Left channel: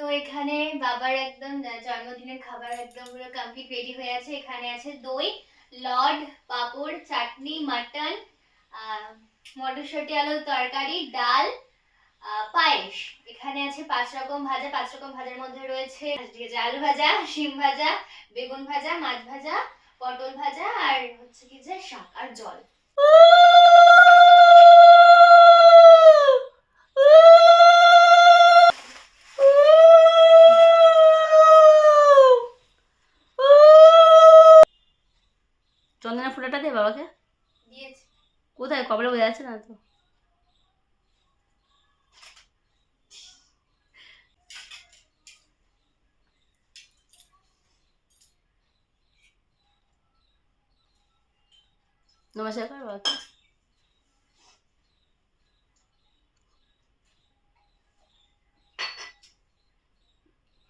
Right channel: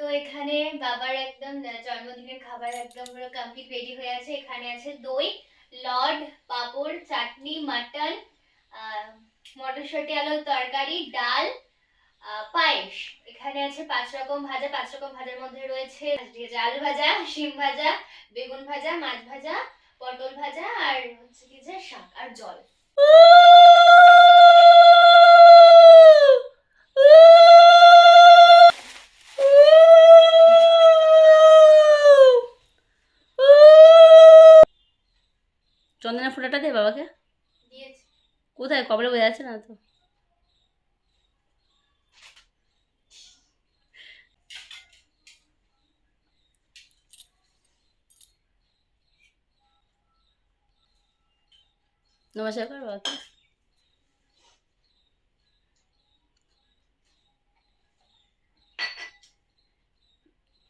তো এখানে বাবার একদম জন্মদিনের খাবার একদম পুরো কমপ্লিট রেডি হয়ে আছে। এখানে আছে দই, লড, পাঁপড়, চাটনি, মাটন, মটরশুঁটি আলুর তরকারি, ডাল, পায়েস। এখানে আছে 5 রকম ভাজা। 5 রকম ভাজার মধ্যে রয়েছে আলু ভাজা, শিম ভাজা, বেগুন ভাজা, মাছ ভাজা, পটল ভাজা, আর হচ্ছে কি যে শাক আর জল। চন্দনা ফোঁটাটা দে বাবাকে। দিয়েছি। কোথায় কপালে বোঝা যাচ্ছে না তো। নমস্কার কর বাবাকে।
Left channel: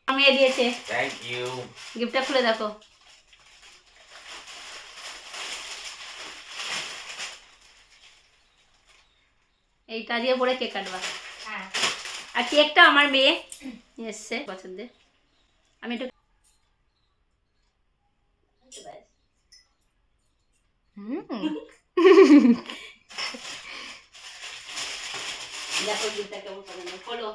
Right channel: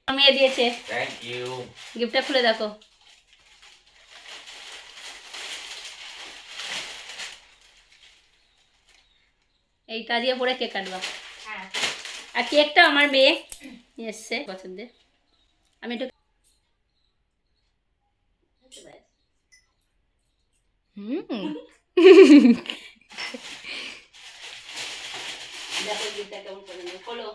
মেয়ে দিয়েছে। Thank you. গিফটটা খুলে দেখো। এইটা দিয়ে পরে কেক কাটবা। হ্যাঁ। আর কেকটা আমার মেয়ে নিয়ে এসছে পছন্দের। আমি একটু দেখো গিফটটা কেমন পছন্দ। খোলো।